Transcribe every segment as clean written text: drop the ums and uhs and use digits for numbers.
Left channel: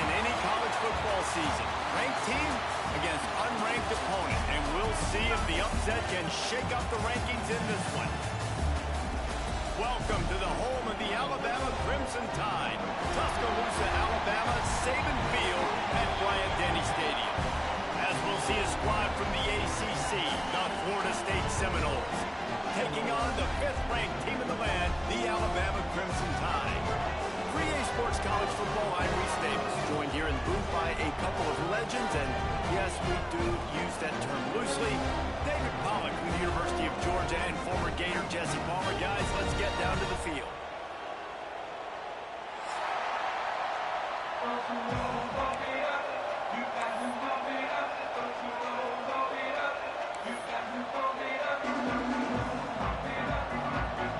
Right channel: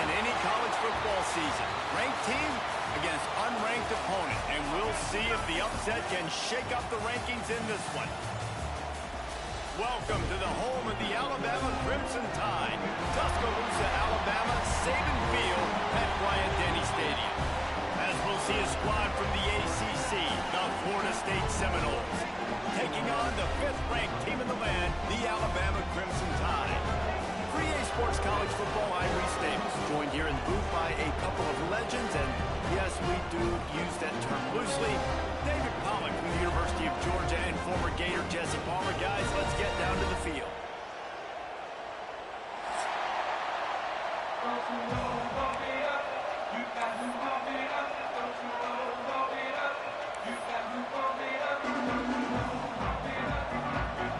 in any college football season. Ranked team against unranked opponent. And we'll see if the upset can shake up the rankings in this one. Welcome to the home of the Alabama Crimson Tide. Tuscaloosa, Alabama, Saban Field at Bryant-Denny Stadium. As we'll see a squad from the ACC, the Florida State Seminoles, taking on the 5th-ranked team in the land, the Alabama Crimson Tide. For EA Sports College Football, I'm Reese Davis, joined here in the booth by a couple of legends, and yes, we do use that term loosely. David Pollack from the University of Georgia and former Gator Jesse Palmer. Guys, let's get down to the field.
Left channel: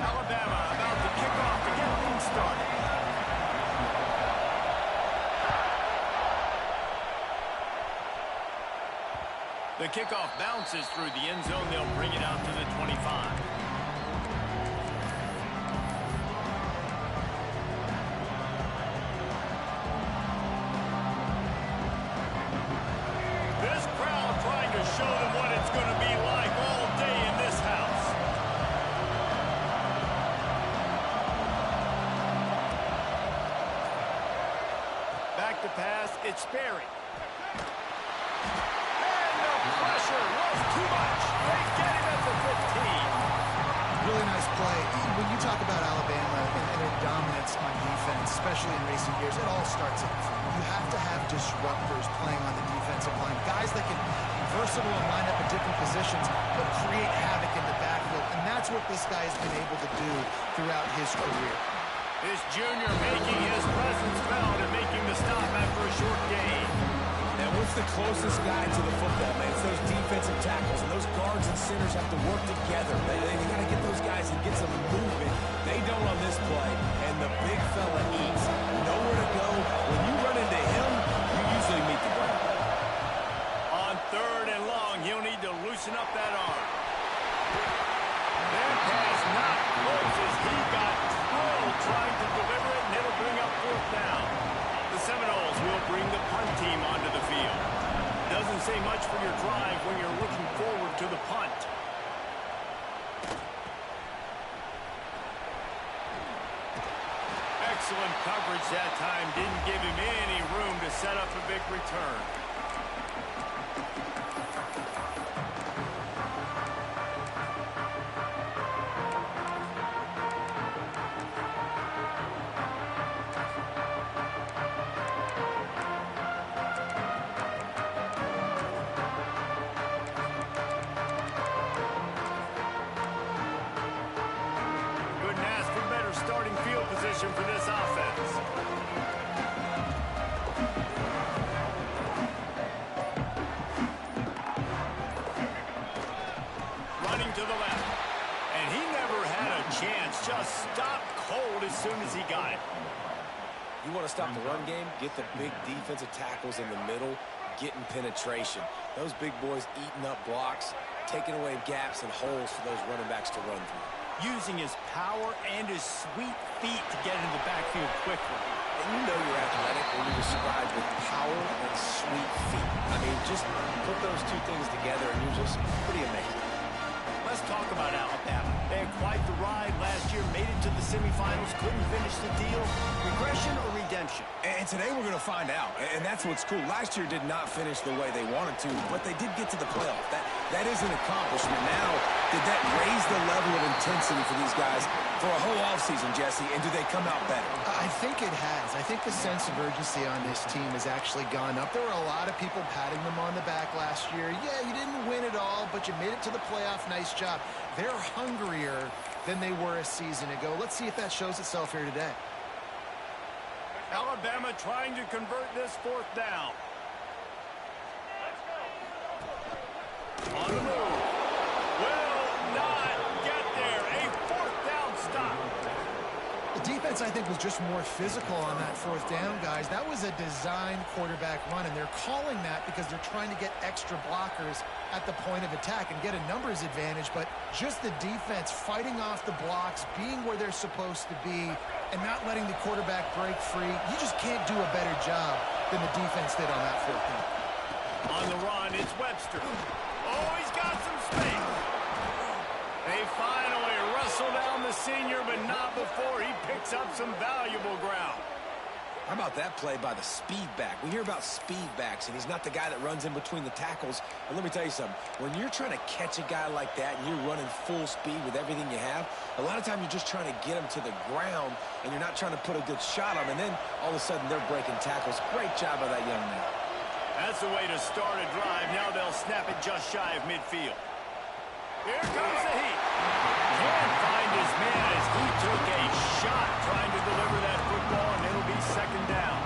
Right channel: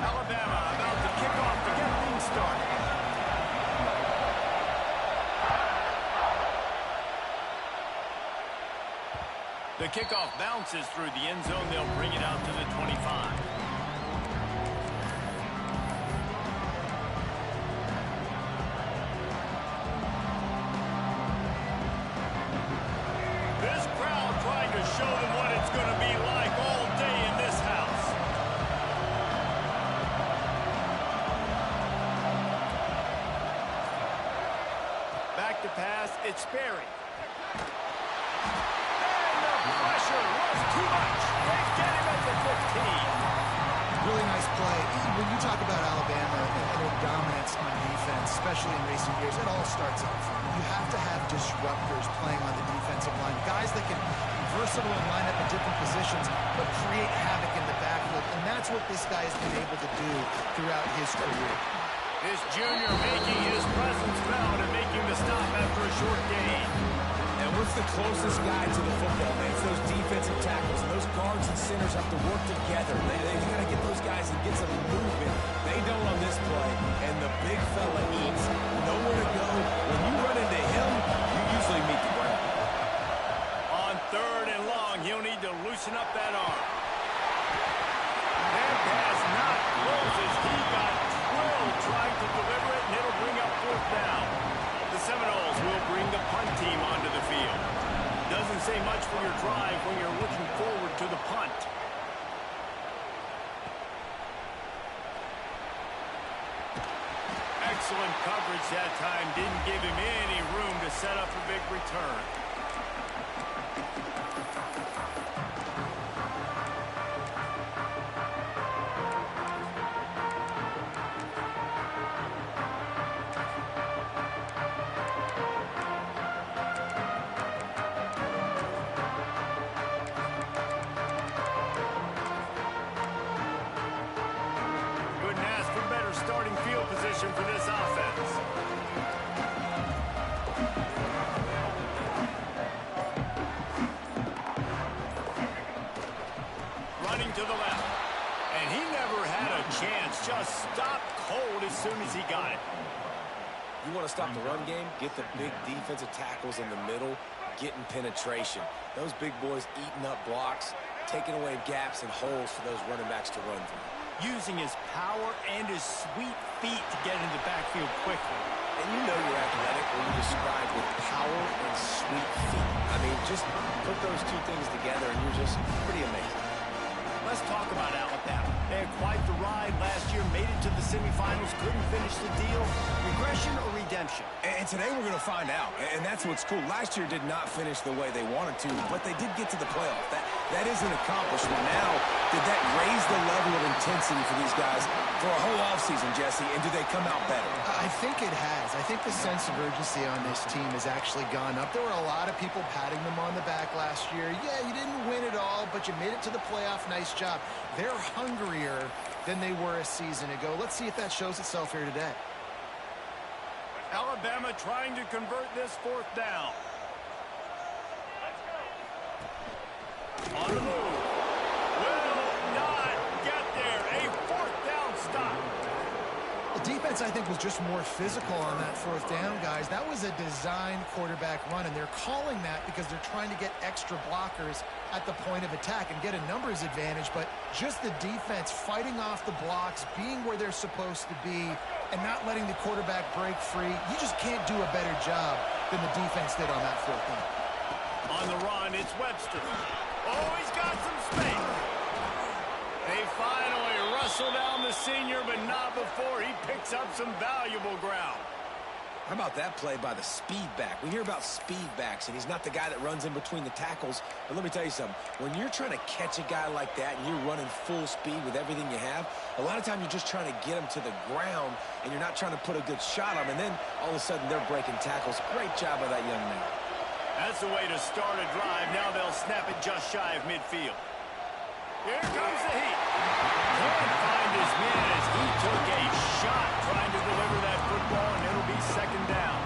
Alabama about to kick off to get things started. The kickoff bounces through the end zone. They'll bring it out to the 25. This crowd trying to show them what it's going to be like all day in this house. Back to pass, it's Sperry. Pressure was too much. They get him at the 15. Really nice play. When you talk about Alabama and their dominance on defense, especially in recent years, it all starts up front. You have to have disruptors playing on the defensive line, guys that can be versatile and line up in different positions, but create havoc in the backfield, and that's what this guy has been able to do throughout his career. This junior making his presence felt and making the stop after a short gain. And what's the closest guy to the football, man? It's those defensive tackles, and those guards and centers have to work together. They got to get those guys and get some movement. They don't on this play, and the big fella eats. Nowhere to go. When you run into him, you usually meet the ground. On 3rd and long, he'll need to loosen up that arm. That pass not close as he got drilled trying to deliver it, and it'll bring up 4th down. The Seminoles will bring the punt team onto the field. Doesn't say much for your drive when you're looking forward to the punt. Excellent coverage that time. Didn't give him any room to set up a big return. Starting field position for this offense. Running to the left. And he never had a chance. Just stopped cold as soon as he got it. You want to stop the run game? Get the big defensive tackles in the middle, getting penetration. Those big boys eating up blocks, taking away gaps and holes for those running backs to run through. Using his power and his sweet feet to get into the backfield quickly. And you know you're athletic when you describe with power and sweet feet. I mean, just put those two things together and you're just pretty amazing. Let's talk about Alabama. They had quite the ride last year, made it to the semifinals, couldn't finish the deal. Regression or redemption? And today we're going to find out. And that's what's cool. Last year did not finish the way they wanted to, but they did get to the playoff. That is an accomplishment. Now, did that raise the level of intensity for these guys for a whole offseason, Jesse? And do they come out better? I think it has. I think the sense of urgency on this team has actually gone up. There were a lot of people patting them on the back last year. Yeah, you didn't win it all, but you made it to the playoff. Nice job. They're hungrier than they were a season ago. Let's see if that shows itself here today. Alabama trying to convert this 4th down. On the move. Will not get there. A 4th down stop. The defense, I think, was just more physical on that fourth down, guys. That was a designed quarterback run, and they're calling that because they're trying to get extra blockers at the point of attack and get a numbers advantage, but just the defense fighting off the blocks, being where they're supposed to be, and not letting the quarterback break free. You just can't do a better job than the defense did on that fourth down. On the run, it's Webster. Oh, he's got some space. They finally wrestle down the senior, but not before he picks up some valuable ground. How about that play by the speed back? We hear about speed backs, and he's not the guy that runs in between the tackles. And let me tell you something. When you're trying to catch a guy like that and you're running full speed with everything you have, a lot of time you're just trying to get him to the ground, and you're not trying to put a good shot on him. And then all of a sudden they're breaking tackles. Great job by that young man. That's the way to start a drive. Now they'll snap it just shy of midfield. Here comes the heat. Can't find his man as he took a shot trying to deliver that football, and it'll be second down.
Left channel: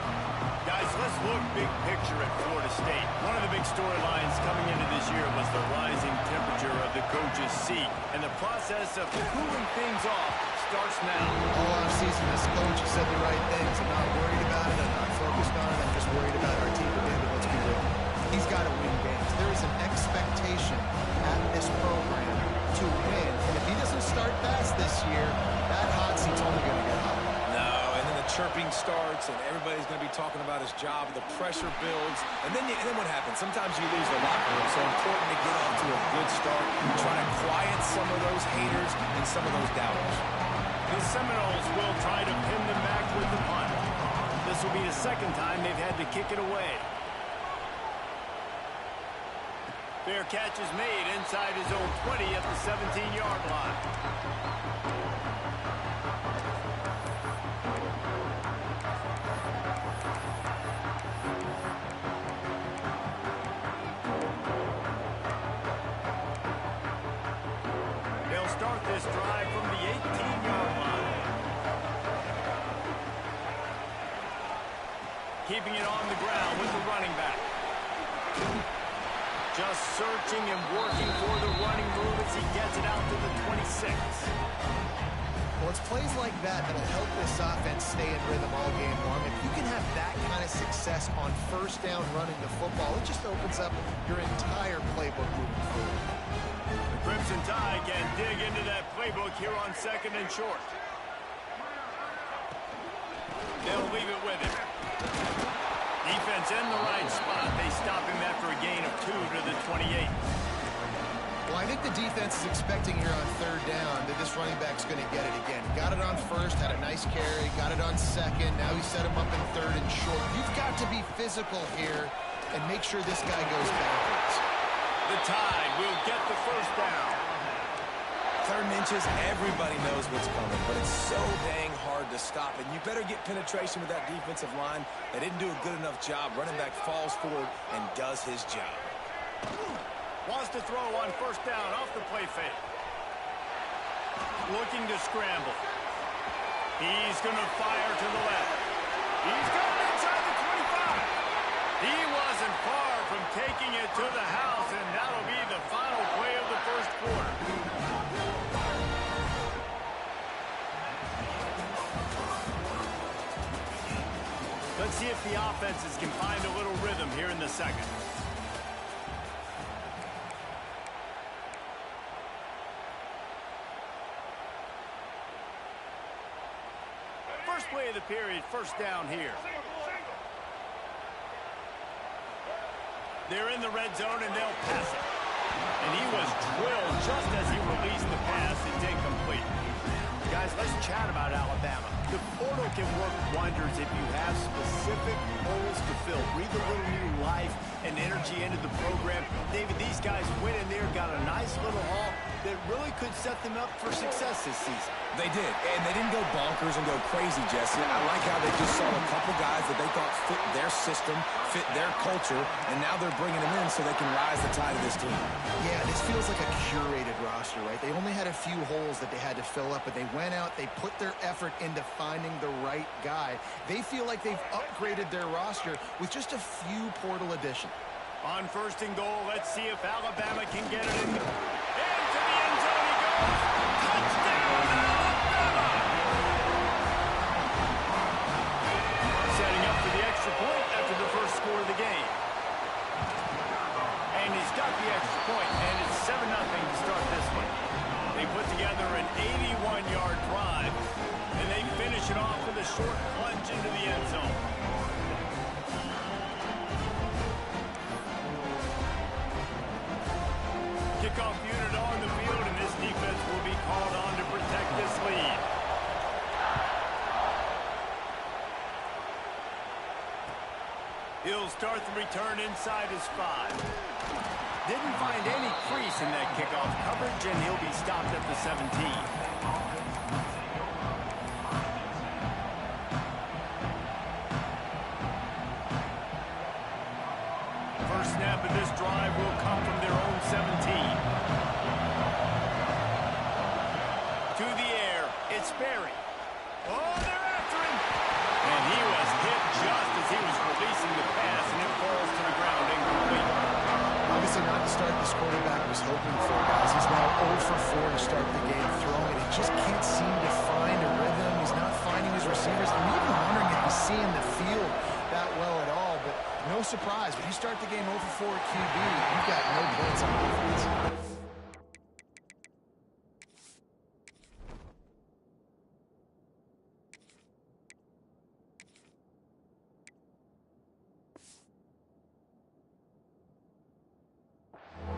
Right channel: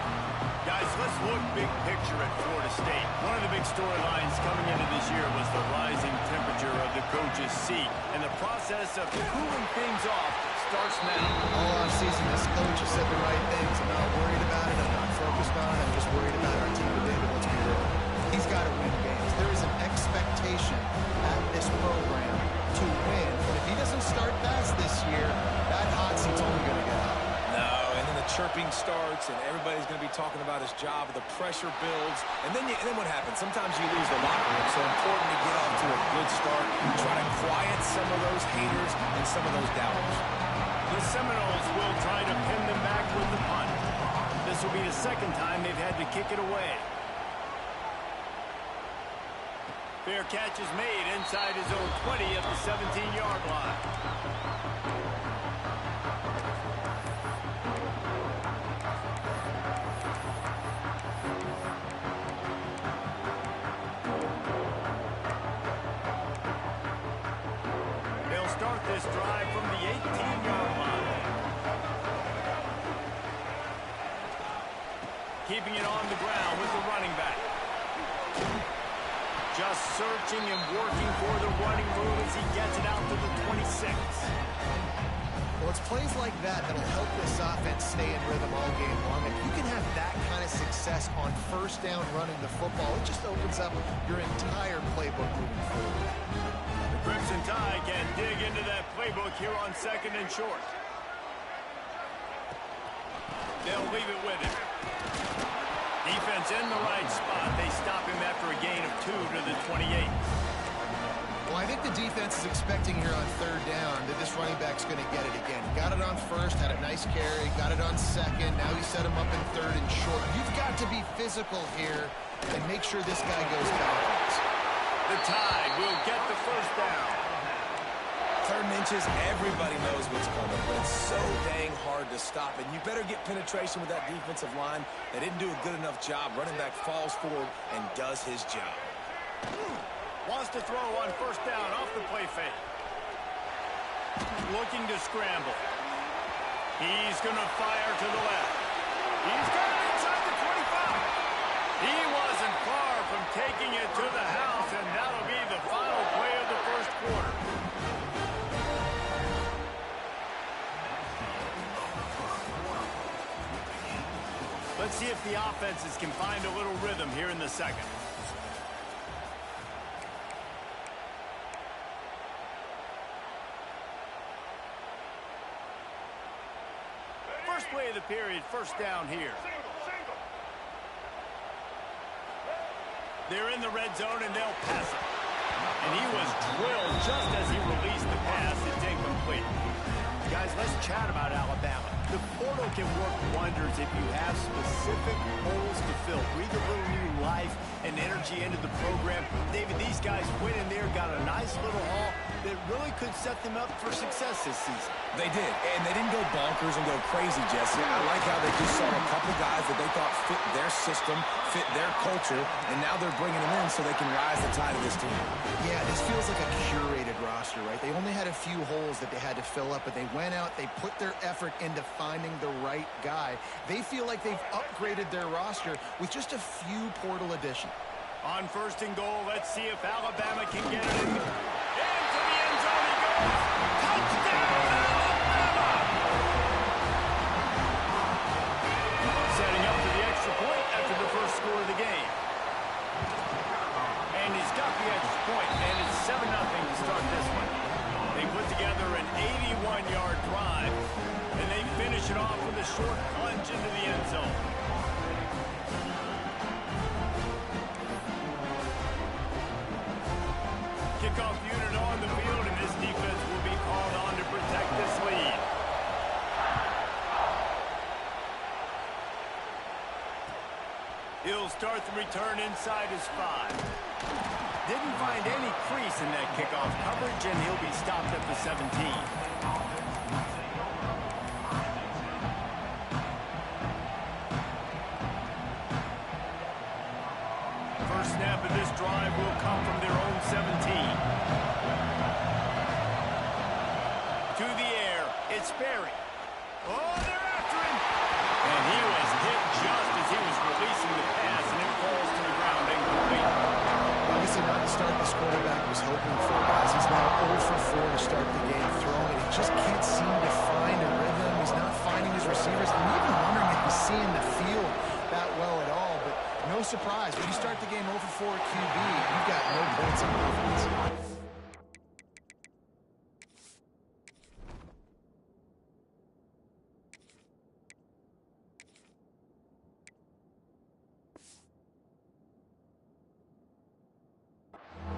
Guys, let's look big picture at Florida State. One of the big storylines coming into this year was the rising temperature of the coach's seat, and the process of cooling things off starts now. All offseason, this coach has said the right things. I'm not worried about it. I'm not focused on it. I'm just worried about our team today, but let's be real. He's got to win games. There is an expectation at this program to win, and if he doesn't start fast this year, that hot seat's only going to get hot. No, and then the chirping starts, and everybody's going to be talking about his job, and the pressure builds, and then what happens? Sometimes you lose the locker room, so important to get off to a good start, try to quiet some of those haters and some of those doubters. The Seminoles will try to pin them back with the punt. This will be the second time they've had to kick it away. Fair catch is made inside his own 20 at the 17-yard line. They'll start this drive from the 18-yard line. Keeping it on the ground with the running back. Just searching and working for the running move as he gets it out to the 26. Well, it's plays like that that'll help this offense stay in rhythm all game long. If you can have that kind of success on first down running the football, it just opens up your entire playbook moving forward. The Crimson Tide can dig into that playbook here on second and short. They'll leave it with him. Defense in the right spot. They stop him after a gain of 2 to the 28. Well, I think the defense is expecting here on third down that this running back's going to get it again. Got it on first, had a nice carry, got it on second. Now he set him up in third and short. You've got to be physical here and make sure this guy goes backwards. The Tide will get the first down. Third and inches, everybody knows what's coming, but it's so dang hard to stop. And you better get penetration with that defensive line. They didn't do a good enough job. Running back falls forward and does his job. Wants to throw on first down off the play fake. Looking to scramble. He's going to fire to the left. He's got it inside the 25. He wasn't far from taking it to the house, and that'll be the final play of the first quarter. Let's see if the offenses can find a little rhythm here in the second. First play of the period, first down here. They're in the red zone, and they'll pass it. And he was drilled just as he released the pass. It's incomplete. Guys, let's chat about Alabama. The portal can work wonders if you have specific holes to fill. Breathe a little new life and energy into the program. David, these guys went in there, got a nice little haul that really could set them up for success this season. They did, and they didn't go bonkers and go crazy, Jesse. I like how they just saw a couple guys that they thought fit their system, fit their culture, and now they're bringing them in so they can rise the tide of this team. Yeah, this feels like a curated roster, right? They only had a few holes that they had to fill up, but they went out, they put their effort into finding the right guy. They feel like they've upgraded their roster with just a few portal additions. On first and goal, let's see if Alabama can get it in. Into the end zone he goes. Touchdown, Alabama! he's got the extra point, and it's 7-0 to start this one. They put together an 81-yard drive, and they finish it off with a short plunge into the end zone. Kickoff unit on the field, and this defense will be called on to protect this lead. He'll start the return inside his 5. Didn't find any crease in that kickoff coverage, and he'll be stopped at the 17. First snap of this drive will come from their own 17. To the air, it's Berry. Oh, they're after him! And he was hit just as he was releasing the pass, and it falls to the ground incomplete. Obviously not the start this quarterback was hoping for, guys. He's now 0 for 4 to start the game throwing it. He just can't seem to find a rhythm. He's not finding his receivers. I'm even wondering if he's seeing the field that well at all, but no surprise. When you start the game 0 for 4 QB, you've got no points on offense.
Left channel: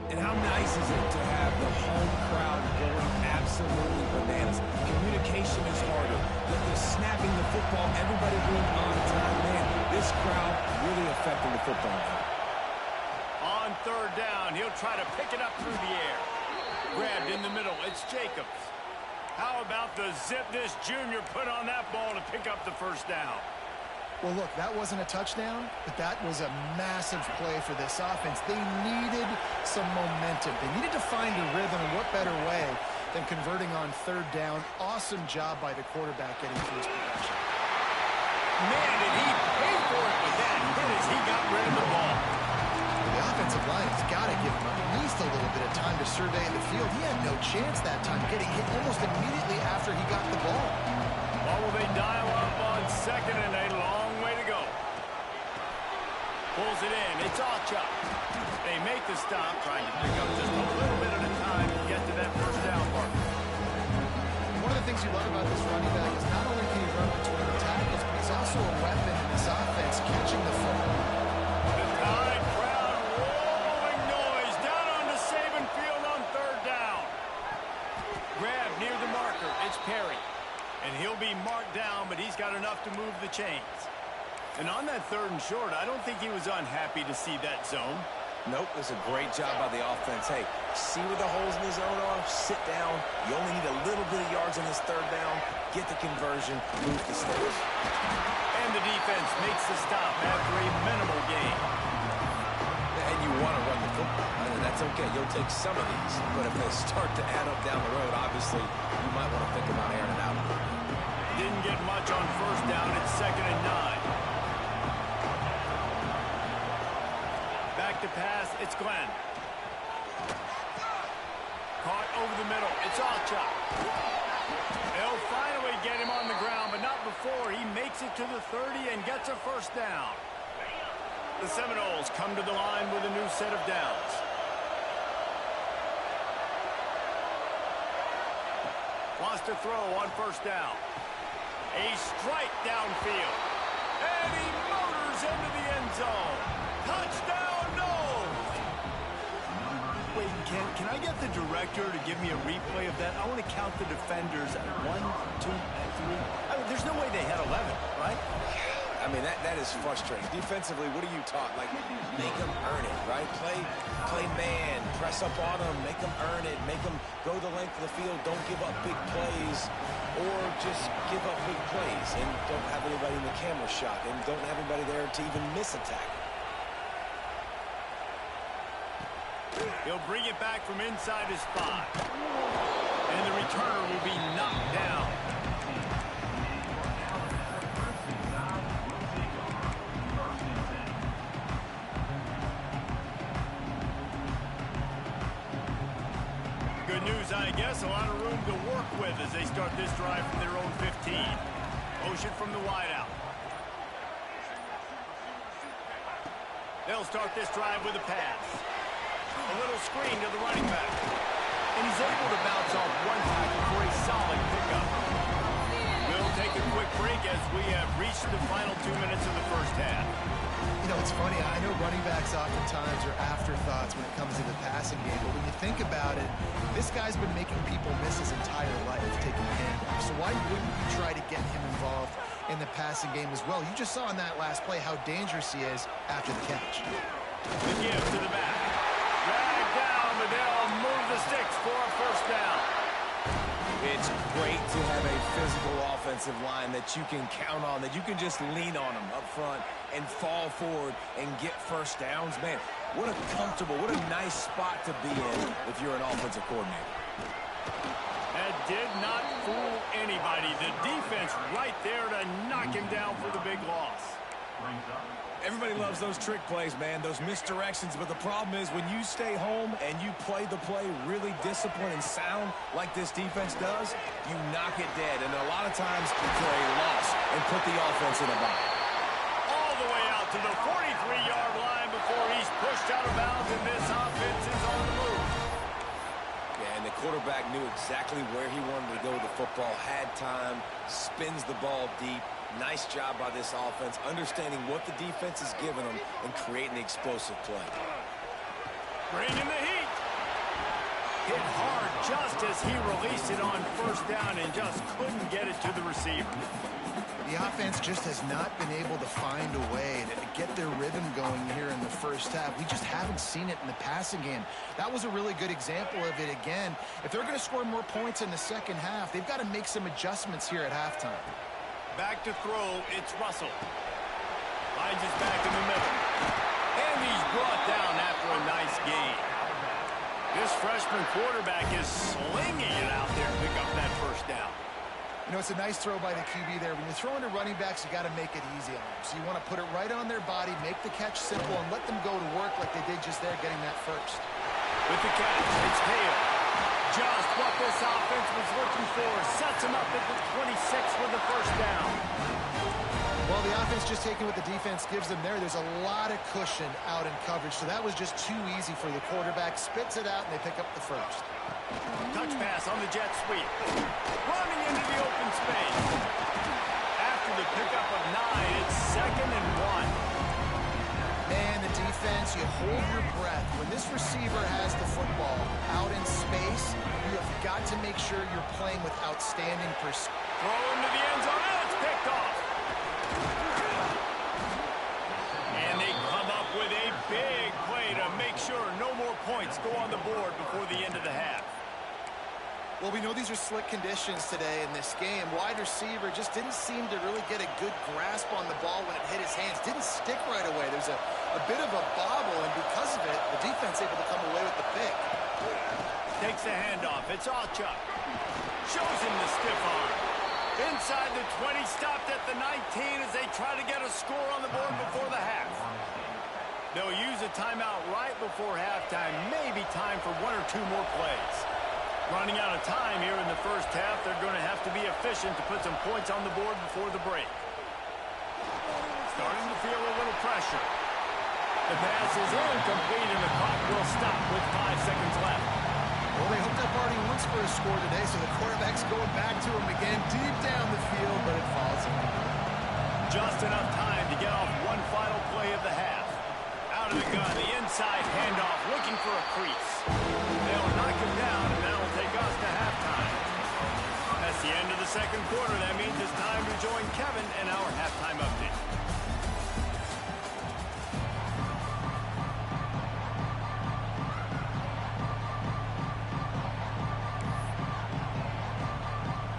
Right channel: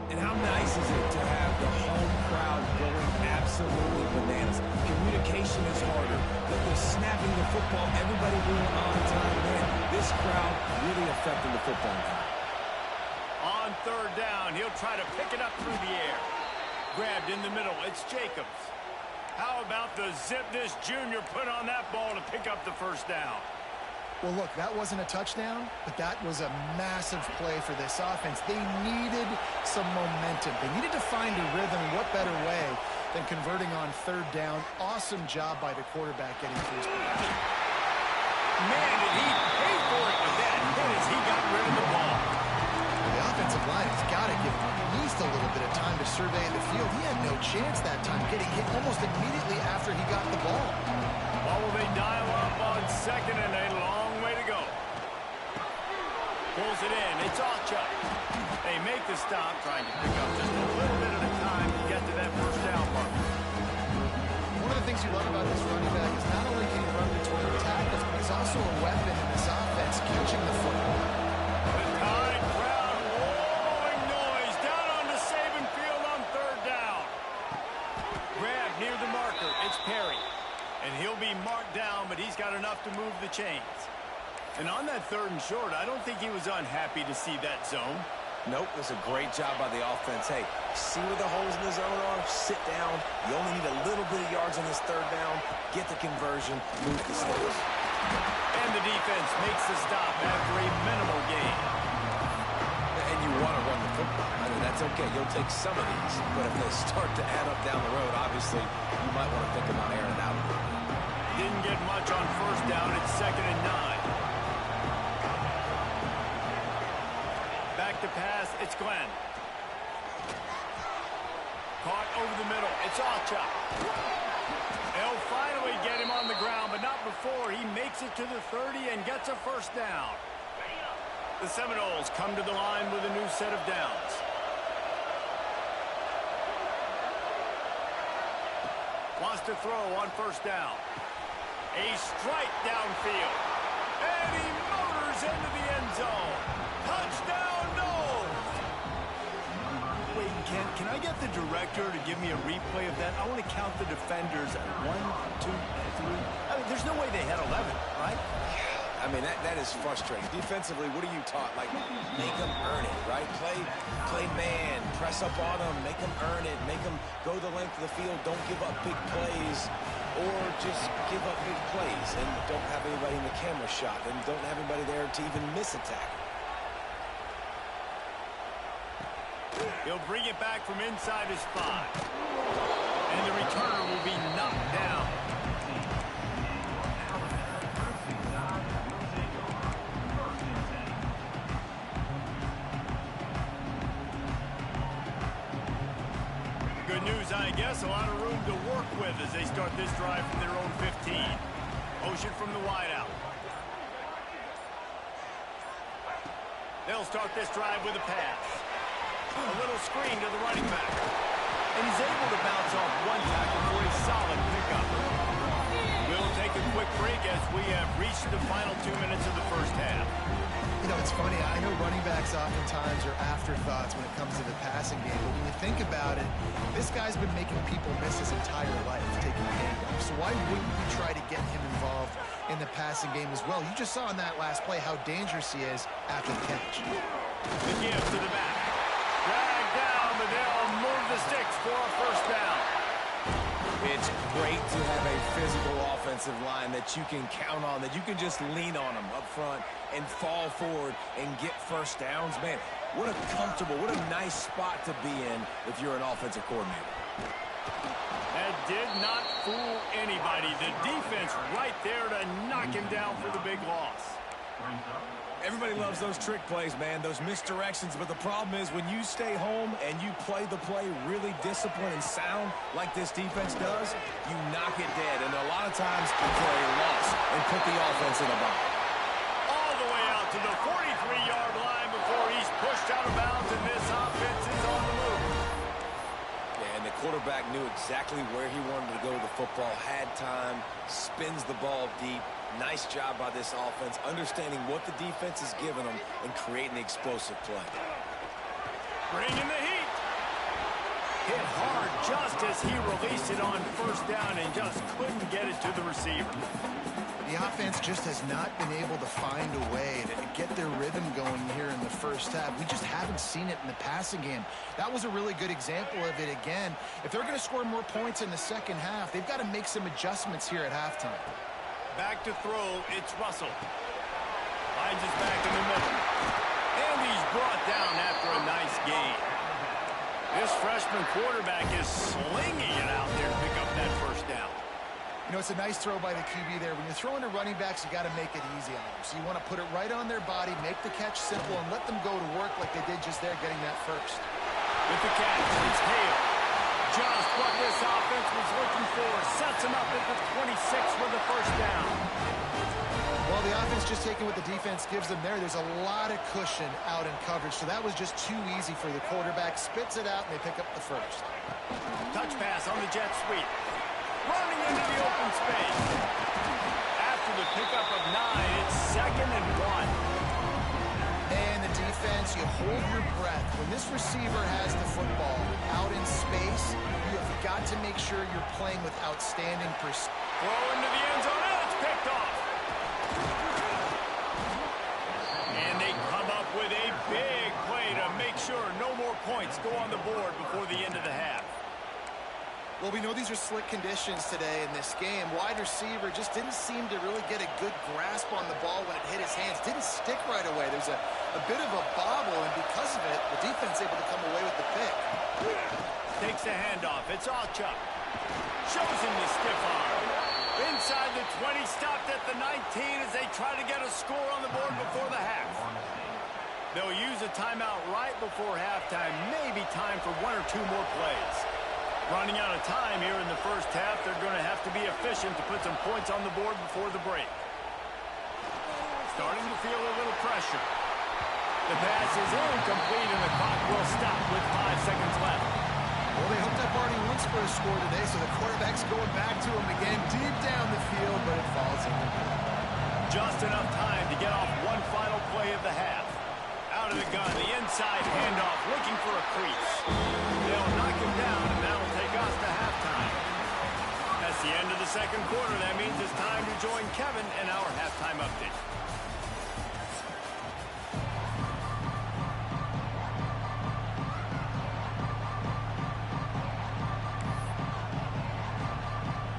And how nice is it to have the home crowd going absolutely bananas? Communication is harder. The snapping the football, everybody being on time. Man, this crowd really affecting the football game. On third down, he'll try to pick it up through the air. Grabbed in the middle, it's Jacobs. How about the zip this junior put on that ball to pick up the first down? Well, look, that wasn't a touchdown, but that was a massive play for this offense. They needed some momentum. They needed to find a rhythm, and what better way than converting on third down. Awesome job by the quarterback getting through his progression. Man, did he pay for it with that hit as he got rid of the ball. Well, the offensive line has got to give him at least a little bit of time to survey the field. He had no chance that time, getting hit almost immediately after he got the ball. What will they dial up on second and a long way to go? Pulls it in. It's Ocha. They make the stop, trying to pick up just a little bit at a time to get to that first down mark. One of the things you love about this running back is not only can he run between the tackles, but he's also a weapon in this offense, catching the football. The Tide crowd rolling noise down onto Saban Field on third down. Grab near the marker. It's Perry. And he'll be marked down, but he's got enough to move the chains. And on that third and short, I don't think he was unhappy to see that zone. Nope, it's a great job by the offense. Hey, see where the holes in the zone are? Sit down. You only need a little bit of yards on this third down. Get the conversion, move the sticks. And the defense makes the stop after a minimal gain. And you want to run the football. I mean, that's okay. You'll take some of these. But if they start to add up down the road, obviously, you might want to think about airing it out a little bit. Didn't get much on first down. It's 2nd and 9. Back to pass. It's Glenn. Caught over the middle. It's Ocha. They'll finally get him on the ground, but not before he makes it to the 30 and gets a first down. The Seminoles come to the line with a new set of downs. Wants to throw on first down. A strike downfield. And he motors into the end zone. Touchdown, Noles! Wait, can I get the director to give me a replay of that? I want to count the defenders at 1, 2, 3. I mean, there's no way they had 11, right? I mean, that is frustrating. Defensively, what are you taught? Like, make them earn it, right? Play man, press up on them, make them earn it, make them go the length of the field, don't give up big plays, or just give up big plays and don't have anybody in the camera shot and don't have anybody there to even miss a tackle. He'll bring it back from inside his 5. And the returner will be knocked down. Good news, I guess. A lot of room to work with as they start this drive from their own 15. Motion from the wideout. They'll start this drive with a pass. A little screen to the running back. And he's able to bounce off one tackle for a solid pickup. We'll take a quick break as we have reached the final 2 minutes of the first half. You know, it's funny. I know running backs oftentimes are afterthoughts when it comes to the passing game, but when you think about it, this guy's been making people miss his entire life taking handoffs. So why wouldn't you try to get him involved in the passing game as well? You just saw in that last play how dangerous he is after the catch. The give to the back. Drag down, but they'll move the sticks for a first down. It's great to have a physical offensive line that you can count on, that you can just lean on them up front and fall forward and get first downs. Man, what a comfortable, what a nice spot to be in if you're an offensive coordinator. That did not fool anybody. The defense right there to knock him down for the big loss. Everybody loves those trick plays, man, those misdirections, but the problem is when you stay home and you play the play really disciplined and sound like this defense does, you knock it dead, and a lot of times for a loss and put the offense in a bind. All the way out to the 43-yard line before he's pushed out of bounds, and this offense is on the move. Yeah, and the quarterback knew exactly where he wanted to go with the football, had time, spins the ball deep. Nice job by this offense, understanding what the defense is giving them and creating the explosive play. Bringing the heat. Hit hard just as he released it on first down and just couldn't get it to the receiver. The offense just has not been able to find a way to get their rhythm going here in the first half. We just haven't seen it in the passing game. That was a really good example of it again. If they're going to score more points in the second half, they've got to make some adjustments here at halftime. Back to throw, it's Russell. Finds his back in the middle. And he's brought down after a nice gain. This freshman quarterback is slinging it out there to pick up that first down. You know, it's a nice throw by the QB there. When you're throwing to running backs, you got to make it easy on them. So you want to put it right on their body, make the catch simple, and let them go to work like they did just there, getting that first. With the catch, it's Hale. Just what this offense was looking for. Sets him up at the 26 with the first down. Well, the offense just taking what the defense gives them there. There's a lot of cushion out in coverage, so that was just too easy for the quarterback. Spits it out, and they pick up the first. Touch pass on the jet sweep. Running into the open space. After the pickup of 9, it's 2nd and 1. Man, the defense, you hold your breath. When this receiver has the football out in space, you have got to make sure you're playing with outstanding precision. Throw into the end zone, and it's picked off. And they come up with a big play to make sure no more points go on the board before the end of the half. Well, we know these are slick conditions today in this game. Wide receiver just didn't seem to really get a good grasp on the ball when it hit his hands. Didn't stick right away. There's a bit of a bobble, and because of it, the defense able to come away with the pick. Takes the handoff. It's Allchuck. Shows him the stiff arm. Inside the 20, stopped at the 19 as they try to get a score on the board before the half. They'll use a timeout right before halftime. Maybe time for 1 or 2 more plays. Running out of time here in the first half, they're going to have to be efficient to put some points on the board before the break. Starting to feel a little pressure. The pass is incomplete, and the clock will stop with 5 seconds left. Well, they hooked up already once for a score today, so the quarterback's going back to him again deep down the field, but it falls incomplete. Just enough time to get off one final play of the half. Out of the gun, the inside handoff, looking for a crease. They'll knock him down, and that'll take us to halftime. That's the end of the second quarter. That means it's time to join Kevin in our halftime update.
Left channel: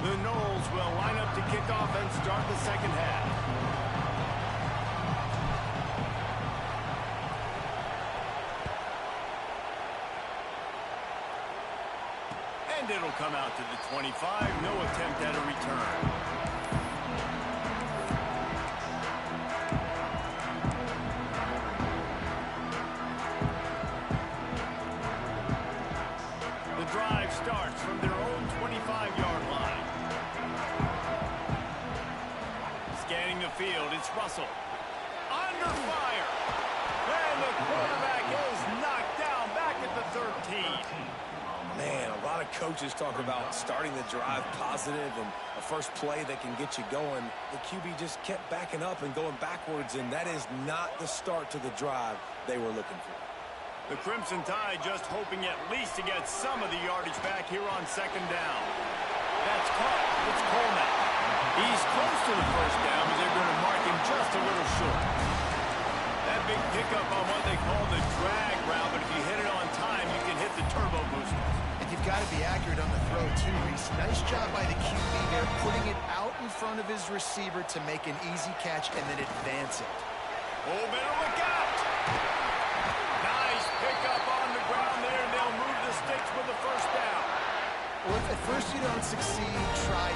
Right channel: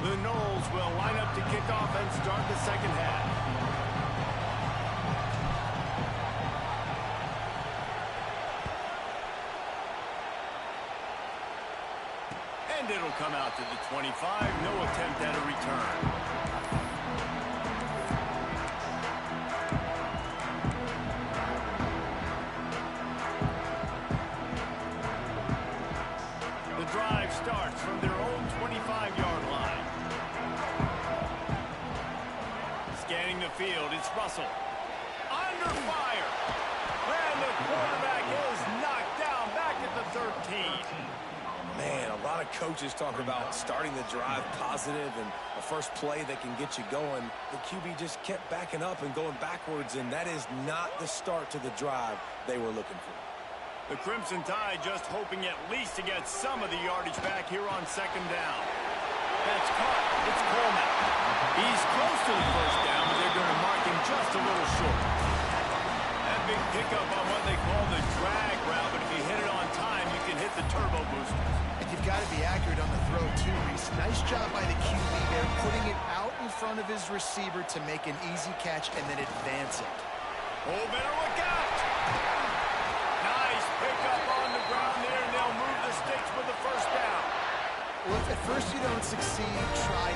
The Noles will line up to kick off and start the second half. And it'll come out to the 25. No attempt at a return. The drive starts from their own 25-yard line. Scanning the field, it's Russell. Under fire. And the quarterback is knocked down back at 13. Man, a lot of coaches talk about starting the drive positive and a first play that can get you going. The QB just kept backing up and going backwards, and that is not the start to the drive they were looking for. The Crimson Tide just hoping at least to get some of the yardage back here on second down. That's caught. It's Coleman. He's close to the first down, but they're going to mark him just a little short. That big pickup on what they call the drag route, but if you hit it on time, you can hit the turbo boosters. And you've got to be accurate on the throw, too, Reese. Nice job by the QB there, putting it out in front of his receiver to make an easy catch and then advance it. Oh, better look out! Nice pickup on the ground there, and they'll move the sticks with the first down. Well, if at first you don't succeed, try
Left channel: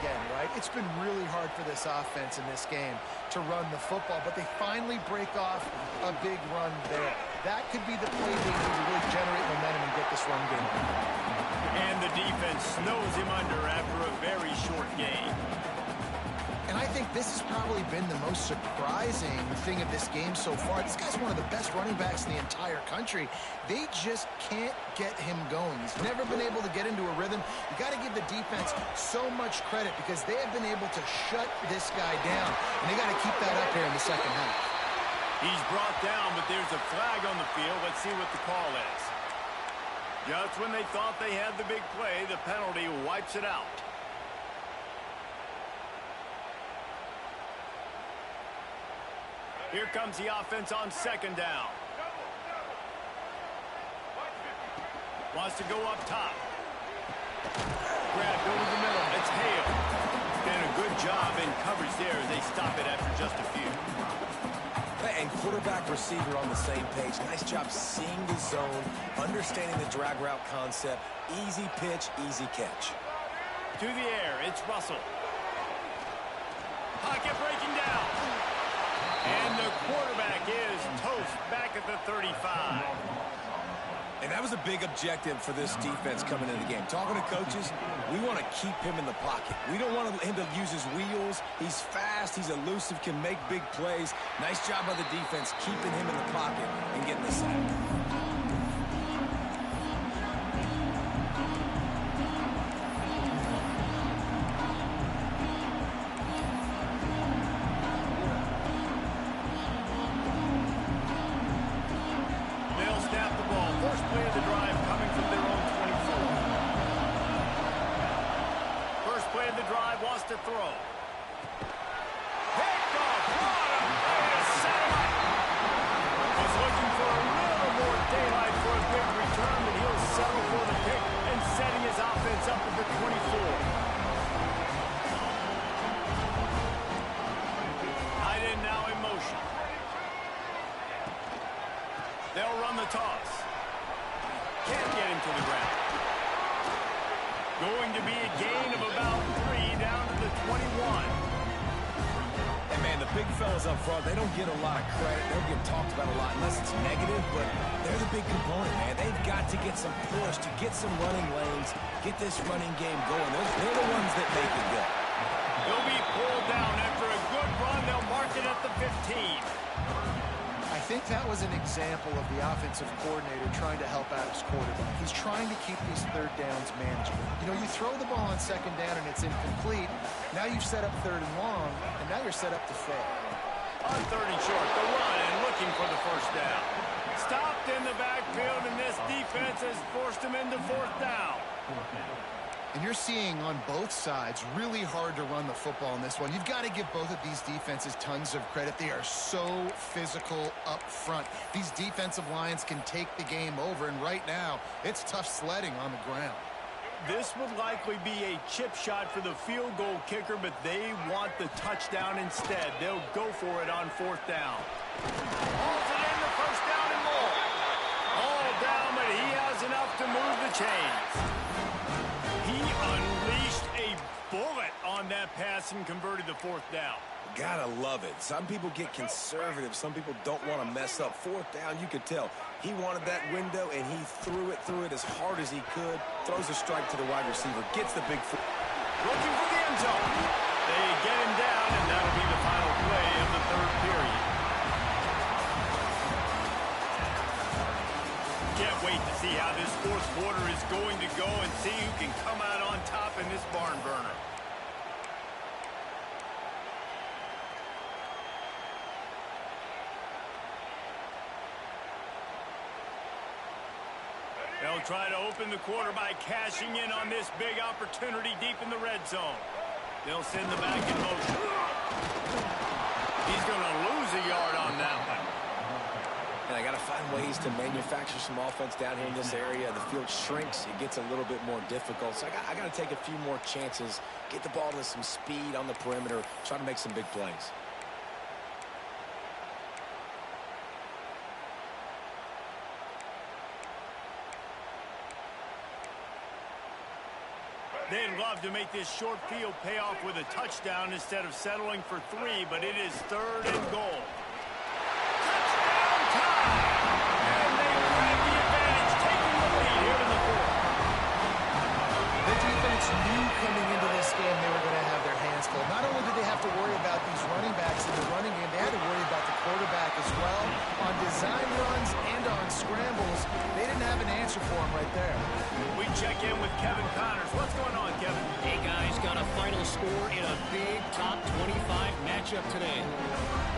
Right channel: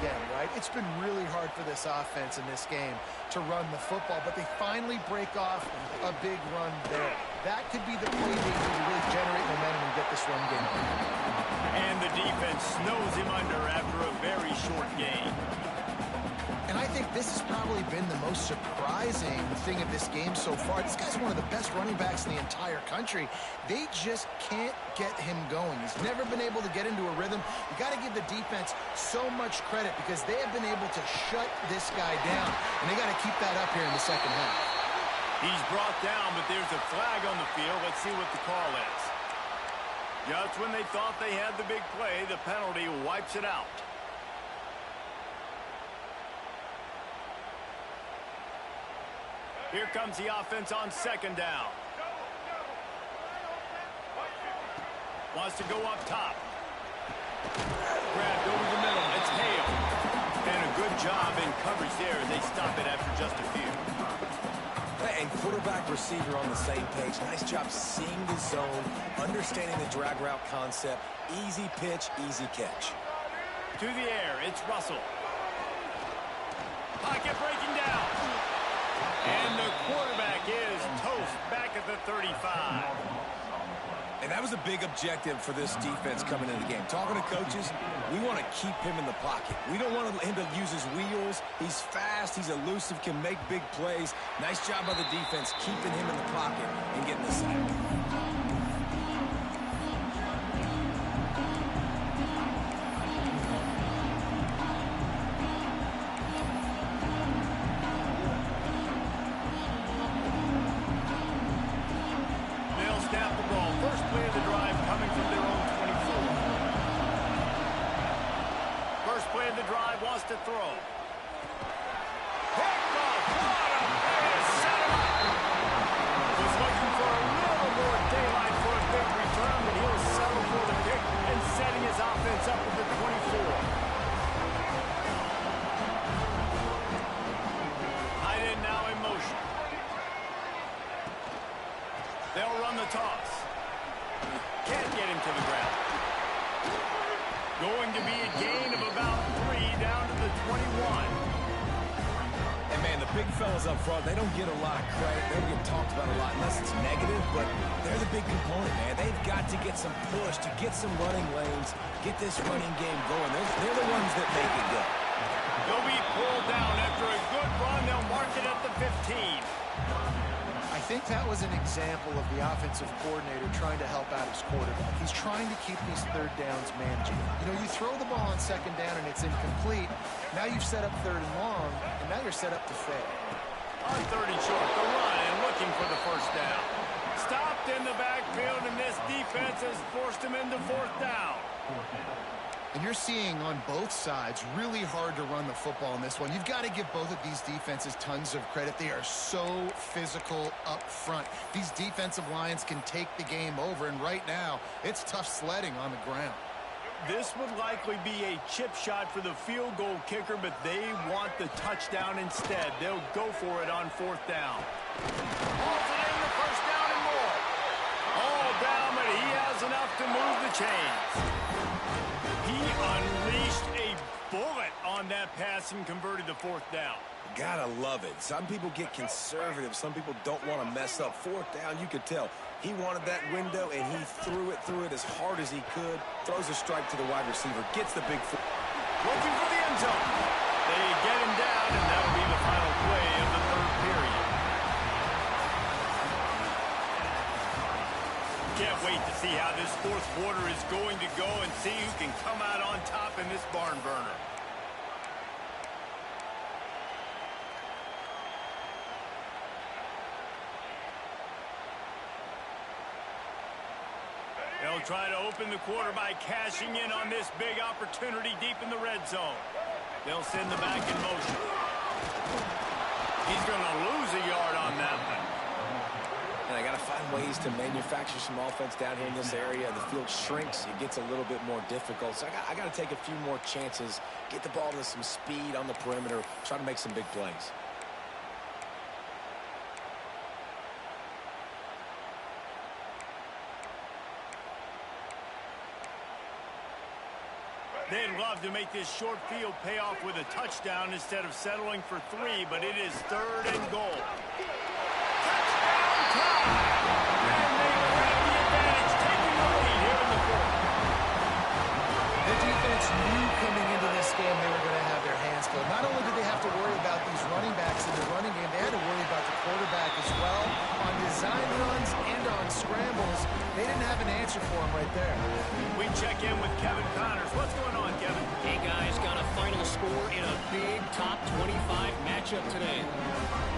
again, right? It's been really hard for this offense in this game to run the football, but they finally break off a big run there. That could be the play they need to really generate momentum and get this run game. And the defense snows him under after a very short game. And I think this has probably been the most surprising thing of this game so far. This guy's one of the best running backs in the entire country. They just can't get him going. He's never been able to get into a rhythm. You got to give the defense so much credit because they have been able to shut this guy down. And they got to keep that up here in the second half. He's brought down, but there's a flag on the field. Let's see what the call is. Just when they thought they had the big play, the penalty wipes it out. Here comes the offense on second down. Wants to go up top. Grabbed over the middle. It's Hale. And a good job in coverage there as they stop it after just a few. And quarterback receiver on the same page. Nice job seeing the zone, understanding the drag route concept. Easy pitch, easy catch. To the air, it's Russell. Pocket breaking down. And the quarterback is toast back at the 35. And that was a big objective for this defense coming into the game. Talking to coaches, we want to keep him in the pocket. We don't want him to use his wheels. He's fast, he's elusive, can make big plays. Nice job by the defense keeping him in the pocket and getting the sack. To throw. Picked off. What a play to set him up. Was looking for a little more daylight for a big return, but he'll settle for the pick and setting his offense up at the 24. Tight end now in motion. They'll run the toss. Can't get him to the ground. Going to be a gain of about 3 down to the 21. And, man, the big fellas up front, they don't get a lot of credit. They don't get talked about a lot unless it's negative, but they're the big component, man. They've got to get some push, to get some running lanes, get this running game going. They're the ones that make it go. They'll be pulled down after a good run. They'll mark it at the 15. I think that was an example of the offensive coordinator trying to help out his quarterback. He's trying to keep these third downs manageable. You know, you throw the ball on second down and it's incomplete. Now you've set up third and long, and now you're set up to fail. On third and short, the run and looking for the first down. Stopped in the backfield, and this defense has forced him into fourth down. And you're seeing on both sides really hard to run the football in this one. You've got to give both of these defenses tons of credit. They are so physical up front. These defensive lines can take the game over, and right now, it's tough sledding on the ground. This would likely be a chip shot for the field goal kicker, but they want the touchdown instead. They'll go for it on fourth down. Hauls it in, the first down and more. All down, but he has enough to move the chains. He unleashed a bullet on that pass and converted the fourth down. Gotta love it. Some people get conservative. Some people don't want to mess up. Fourth down, you could tell. He wanted that window, and he threw it as hard as he could. Throws a strike to the wide receiver. Gets the big foot. Looking for the end zone. They get him down, and that'll be the final play of the third period. Can't wait to see how this fourth quarter is going to go and see who can come out on top in this barn burner. They'll try to open the quarter by cashing in on this big opportunity deep in the red zone. They'll send the back in motion. He's going to lose a yard on that one. And I got to find ways to manufacture some offense down here in this area. The field shrinks. It gets a little bit more difficult. So I got to take a few more chances, get the ball to some speed on the perimeter, try to make some big plays. They'd love to make this short field pay off with a touchdown instead of settling for 3, but it is 3rd and goal. Touchdown time! And they grab the advantage, taking the lead here in the 4th. The defense knew coming into this game they were going to have their hands full. Not only did they have to worry about these running backs in the running game, they had to worry about the quarterback as well. On design runs and on scrambles, they didn't have an answer for him right there. We check in with Kevin Connors. What's going on, Kevin? Hey, guys, got a final score in a big top 25 matchup today.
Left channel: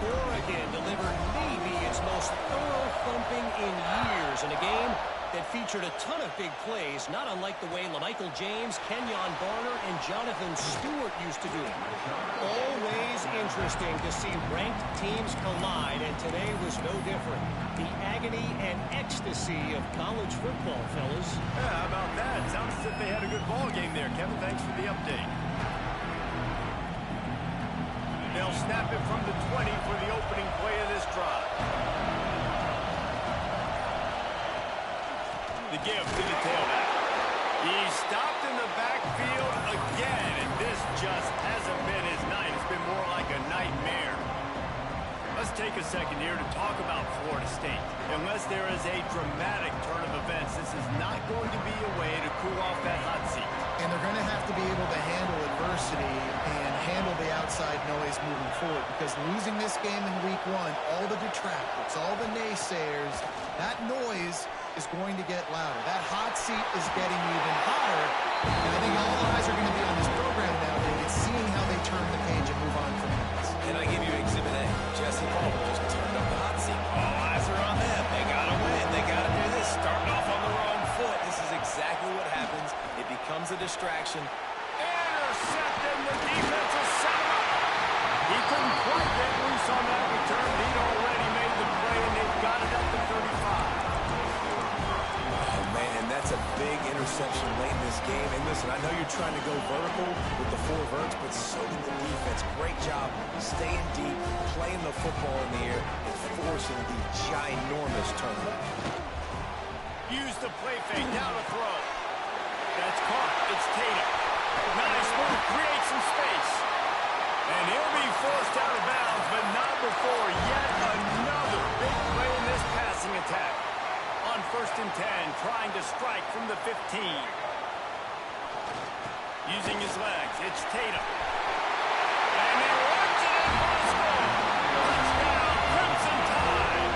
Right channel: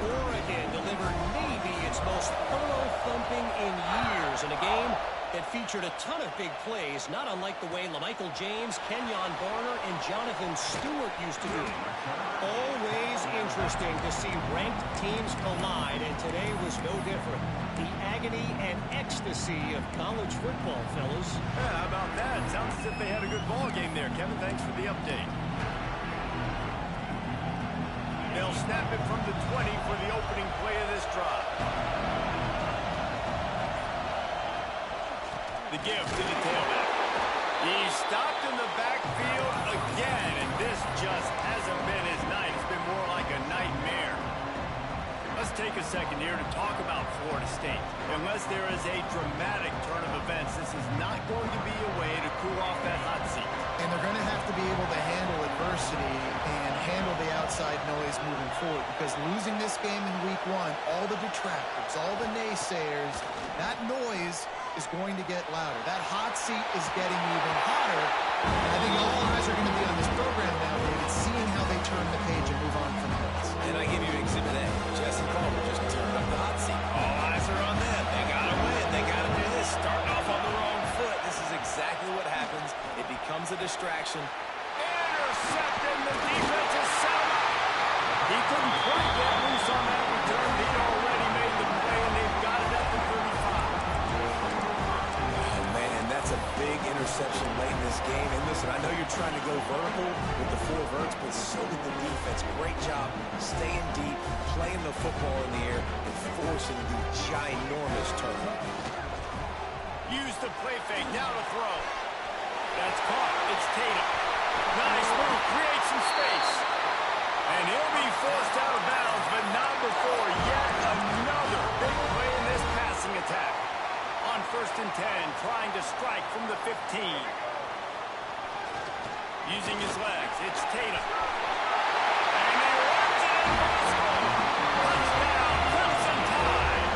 Oregon delivered maybe its most thorough thumping in years in a game that featured a ton of big plays, not unlike the way LaMichael James, Kenyon Barner, and Jonathan Stewart used to do it. Always interesting to see ranked teams collide, and today was no different. The agony and ecstasy of college football, fellas. Yeah, how about that? Sounds as if they had a good ball game there. Kevin, thanks for the update. They'll snap it from the 20 for the opening play of this drive. The give to the tailback. He's stopped in the backfield again, and this just hasn't been his night. It's been more like a nightmare. Let's take a second here to talk about Florida State. Unless there is a dramatic turn of events, this is not going to be a way to cool off that hot seat. And they're going to have to be able to handle adversity and handle the outside noise moving forward, because losing this game in week 1, all the detractors, all the naysayers, that noise is going to get louder. That hot seat is getting even hotter, and I think all eyes are going to be on this program now, David, seeing how they turn the page and move on from this. And I give you Exhibit A. Jesse Palmer just turned up the hot seat. All eyes are on them. They got to win. They got to do this. Starting off on the wrong foot. This is exactly what happens. It becomes a distraction. Intercepted. The defense has set him up. He couldn't quite get loose on that return. He'd already made the play, and they've got it at the 35. And that's a big interception late in this game. And listen, I know you're trying to go vertical with the 4 verts, but so did the defense. Great job staying deep, playing the football in the air, and forcing the ginormous turnover. Use the play fake. Now to throw. That's caught. It's Tatum. Nice move. Create some space. And he'll be forced out of bounds, but not before yet another big play in this passing attack. On 1st and 10, trying to strike from the 15. Using his legs, it's Tatum. And he runs it in for the score. Touchdown, Crimson Tide.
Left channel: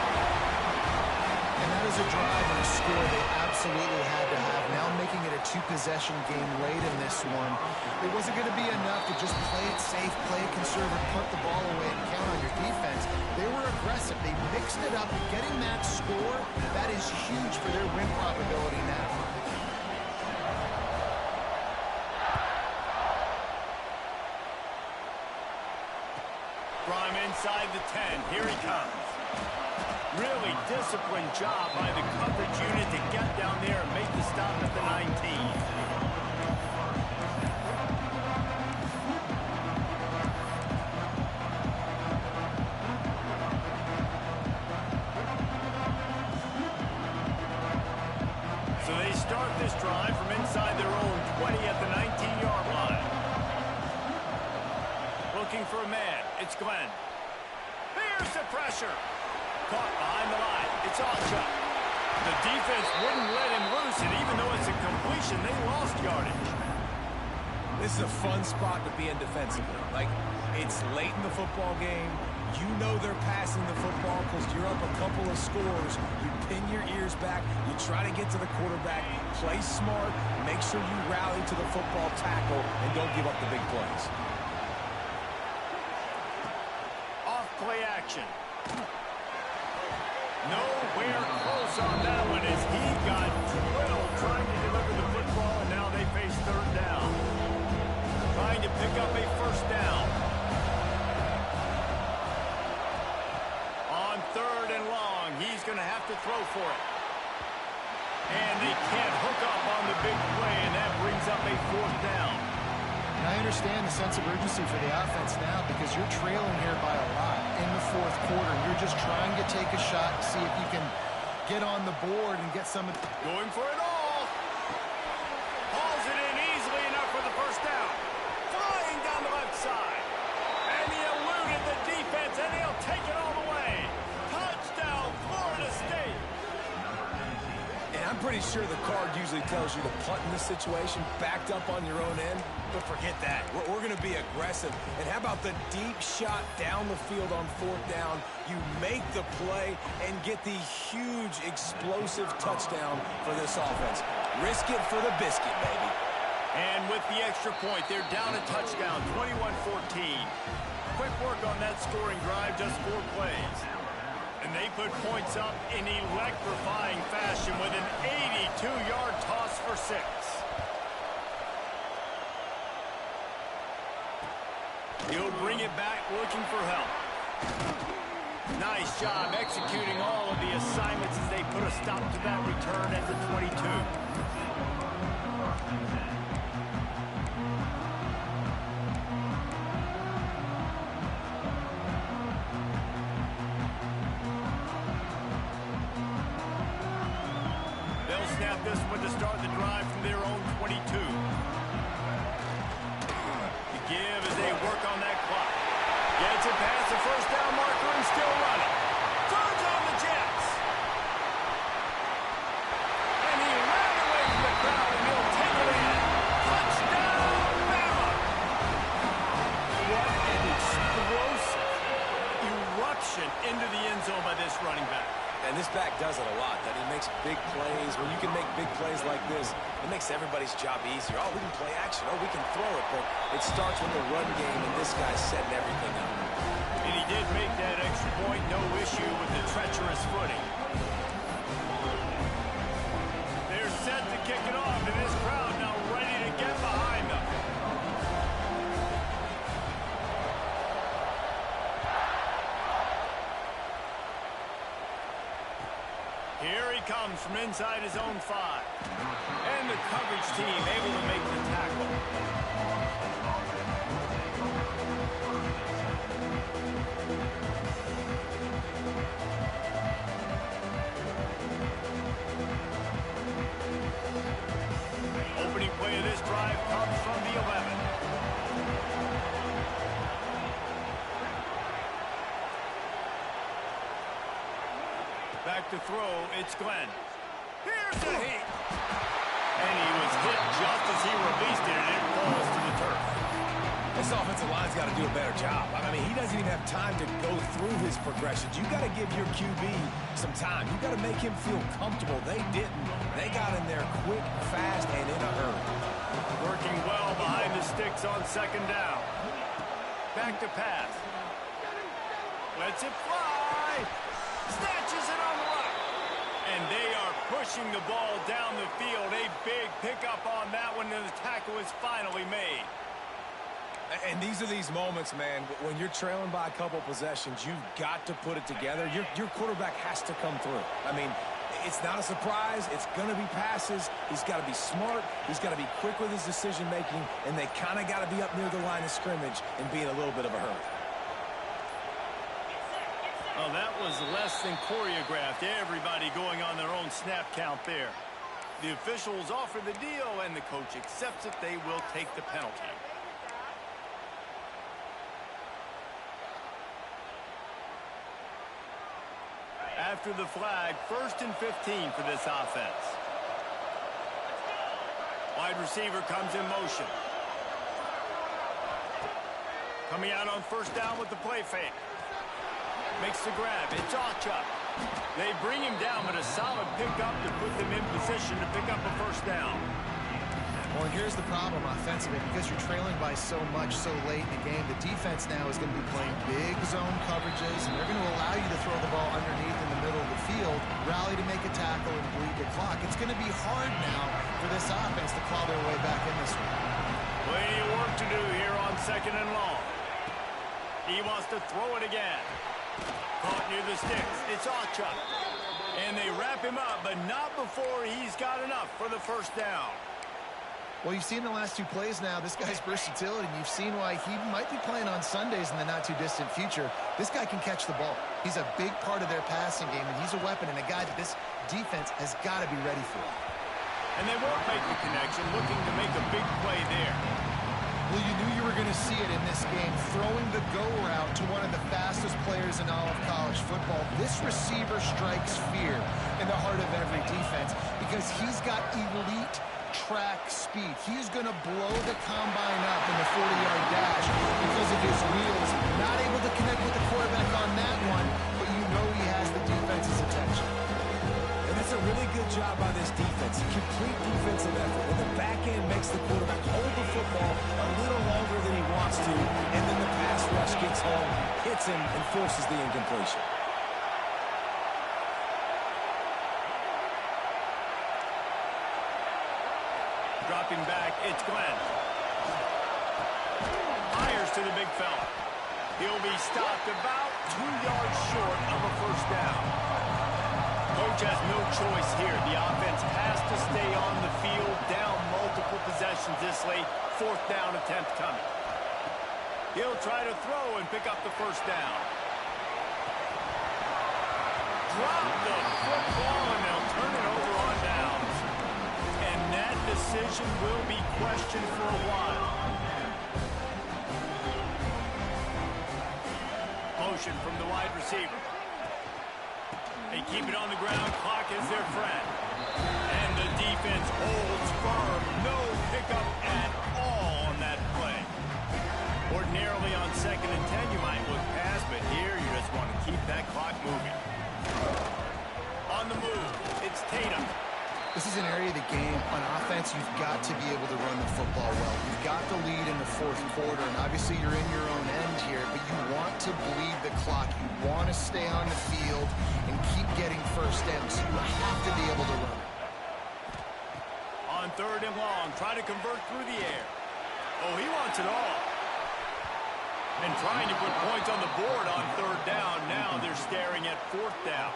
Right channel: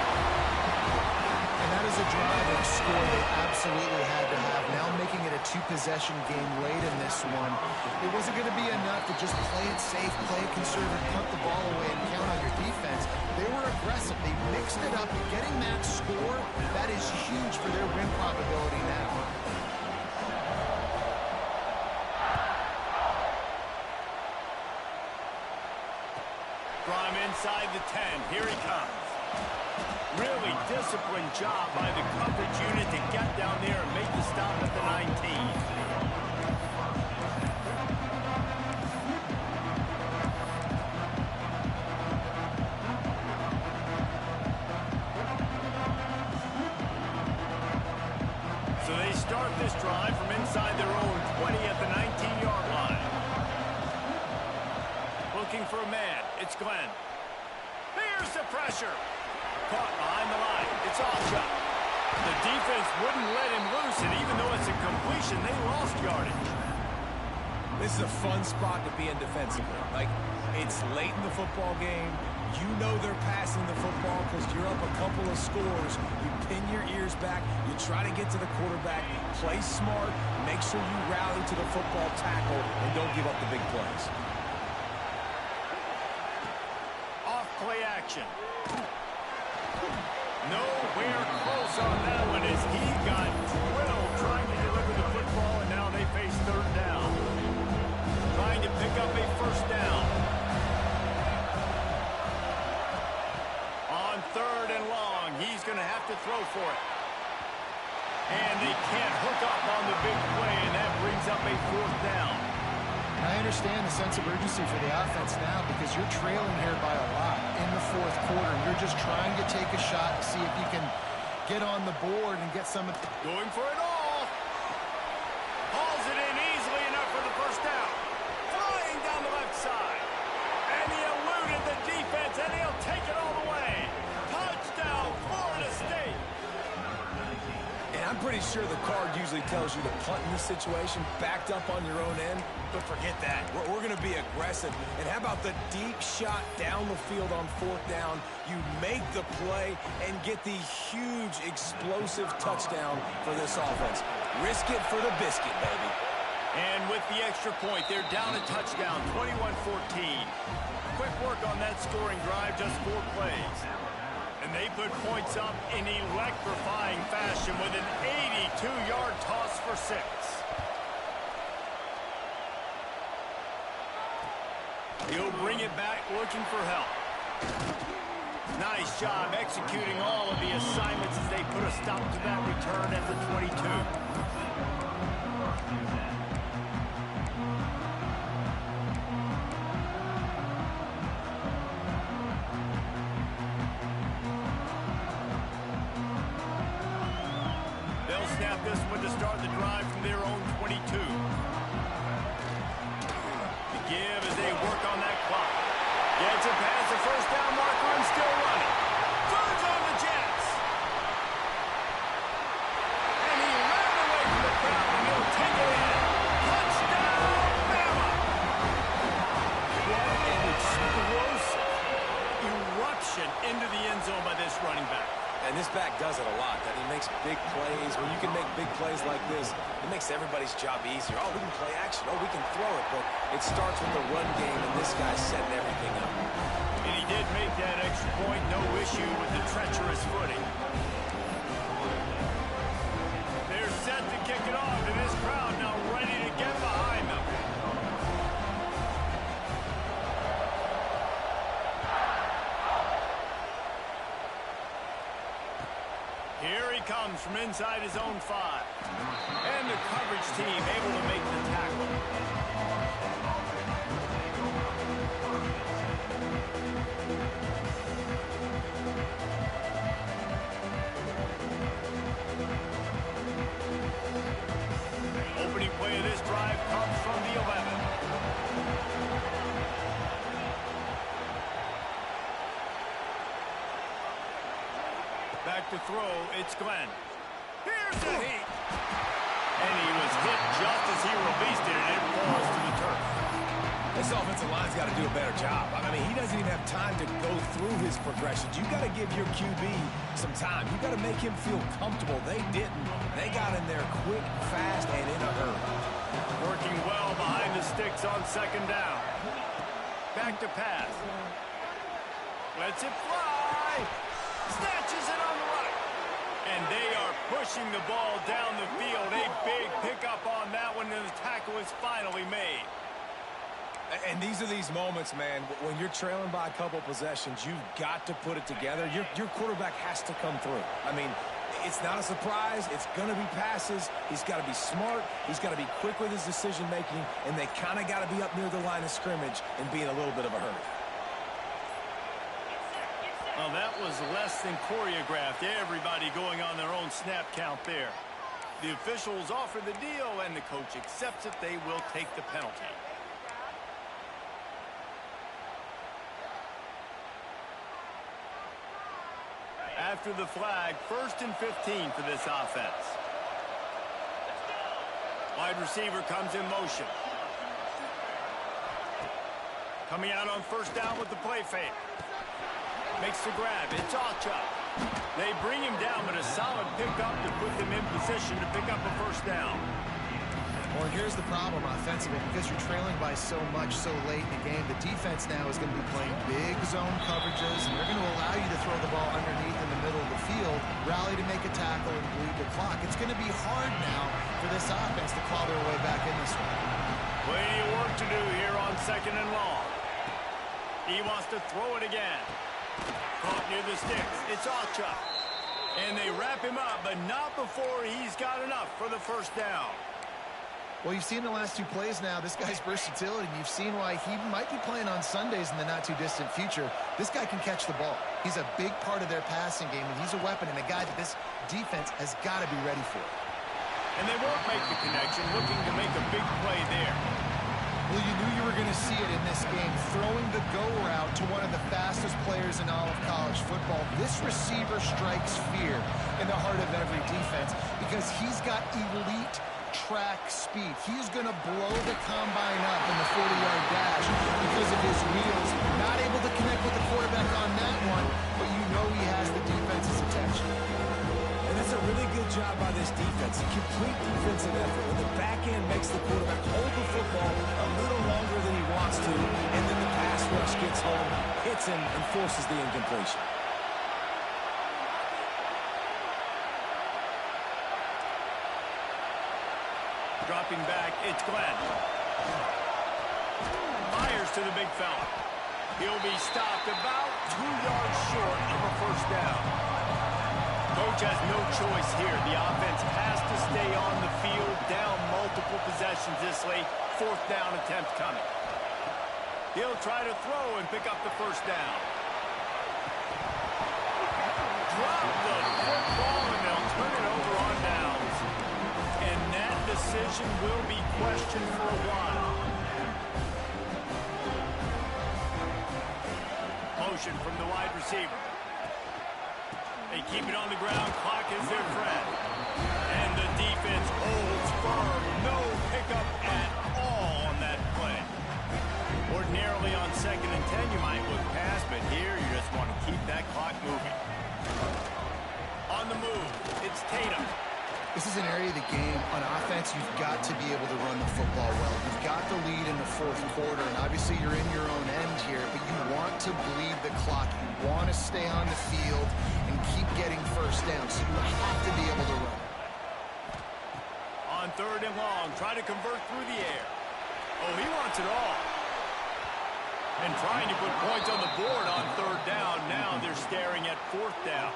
And that is a drive and a score they absolutely had to have. Now making it a 2-possession game late in this one. It wasn't going to be enough to just play it safe, play it conservative, punt the ball away, and count on your defense. They were aggressive. They mixed it up. Getting that score, that is huge for their win probability now. From inside the 10, here he comes. Really disciplined job by the coverage unit to get down there and make the stop at the 19. So they start this drive from inside their own 20 at the 19-yard line. Looking for a man. It's Glenn. Here's the pressure. Caught behind the line. It's Alshon. The defense wouldn't let him loose, and even though it's a completion, they lost yardage. This is a fun spot to be in defensively. Like, it's late in the football game. You know they're passing the football because you're up a couple of scores. You pin your ears back. You try to get to the quarterback. Play smart. Make sure you rally to the football tackle and don't give up the big plays. Off play action. Nowhere close on that one as he got drilled trying to deliver the football, and now they face third down. Trying to pick up a first down. On third and long, he's going to have to throw for it. And they can't hook up on the big play, and that brings up a fourth down. And I understand the sense of urgency for the offense now because you're trailing here by a lot in the fourth quarter. And you're just trying to take a shot to see if you can get on the board and get some. Going for it all. Hauls it in easily enough for the first down. Flying down the left side. And he eluded the defense, and he'll take it all the way. Touchdown, Florida State. And I'm pretty sure the card usually tells you to punt in this situation, backed up on your own end. But forget that. We're going to be aggressive. And how about the deep shot down the field on fourth down? You make the play and get the huge explosive touchdown for this offense. Risk it for the biscuit, baby. And with the extra point, they're down a touchdown, 21-14. Quick work on that scoring drive, just 4 plays. And they put points up in electrifying fashion with an 82-yard toss for 6. He'll bring it back looking for help. Nice job executing all of the assignments as they put a stop to that return at the 22. They'll snap this one to start the drive from their own 22. Give as they work on that clock. Gets it past the first down marker and still running. Turns on the Jets. And he ran away from the crowd, and he'll take it in. Touchdown, Bama! What an explosive eruption into the end zone by this running back. And this back does it a lot, that he makes big plays. When you can make big plays like this, it makes everybody's job easier. Oh, we can play action. Oh, we can throw it. But it starts with the run game, and this guy's setting everything up. And he did make that extra point, no issue with the treacherous footing. They're set to kick it off, and this crowd now ready to get behind them. Here he comes from inside his own 5. And the coverage team able to make the tackle. Opening play of this drive comes from the 11. Back to throw, it's Glenn. Here's the heat. And he was hit just as he released it, and it falls to the turf. This offensive line's got to do a better job. I mean, he doesn't even have time to go through his progressions. You got to give your QB some time. You got to make him feel comfortable. They didn't. They got in there quick, fast, and in a hurry. Working well behind the sticks on second down. Back to pass. Lets it fly. Snatches it on the right. And they are pushing the ball down the field. A big pickup on that one, and the tackle is finally made. And these are these moments, man, when you're trailing by a couple possessions, you've got to put it together. Your quarterback has to come through. I mean, it's not a surprise. It's going to be passes. He's got to be smart. He's got to be quick with his decision-making, and they kind of got to be up near the line of scrimmage and be in a little bit of a hurry. Well, that was less than choreographed. Everybody going on their own snap count there. The officials offer the deal, and the coach accepts it. They will take the penalty. After the flag, 1st and 15 for this offense. Wide receiver comes in motion. Coming out on first down with the play fake. Makes the grab. It's Ocha. They bring him down, but a solid pickup to put them in position to pick up a first down. Well, and here's the problem offensively. Because you're trailing by so much so late in the game, the defense now is going to be playing big zone coverages, and they're going to allow you to throw the ball underneath in the middle of the field, rally to make a tackle, and bleed the clock. It's going to be hard now for this offense to claw their way back in this one. Plenty of work to do here on 2nd and long. He wants to throw it again. Caught near the sticks. It's Ocha. And they wrap him up, but not before he's got enough for the first down. Well, you've seen the last 2 plays now, this guy's versatility, and you've seen why he might be playing on Sundays in the not-too-distant future. This guy can catch the ball. He's a big part of their passing game, and he's a weapon and a guy that this defense has got to be ready for. And they won't make the connection, looking to make a big play there. Well, you knew you were going to see it in this game, throwing the go route to one of the fastest players in all of college football. This receiver strikes fear in the heart of every defense because he's got elite track speed. He is going to blow the combine up in the 40-yard dash because of his wheels. Not able to connect with the quarterback on that one, but you know he has the defense's attention. And that's a really good job by this defense. A complete defensive effort. When the back end makes the quarterback hold the football a little longer than he wants to, and then the pass rush gets home, hits him, and forces the incompletion. Dropping back, it's Glenn. Fires to the big fella. He'll be stopped about 2 yards short of a first down. Coach has no choice here. The offense has to stay on the field, down multiple possessions this late. 4th down attempt coming. He'll try to throw and pick up the first down. Drop the football, and they'll turn it over on downs. And that decision will be questioned for a while. Motion from the wide receiver. They keep it on the ground. Clock is their friend. And the defense holds firm. No pickup at all on that play. Ordinarily on 2nd and 10, you might look past, but here you just want to keep that clock moving. On the move, it's Tatum. This is an area of the game, on offense, you've got to be able to run the football well. You've got the lead in the 4th quarter, and obviously you're in your own end here, but you want to bleed the clock. You want to stay on the field and keep getting first down, so you have to be able to run it. On 3rd and long, try to convert through the air. Oh, he wants it all. And trying to put points on the board on 3rd down. Now they're staring at 4th down.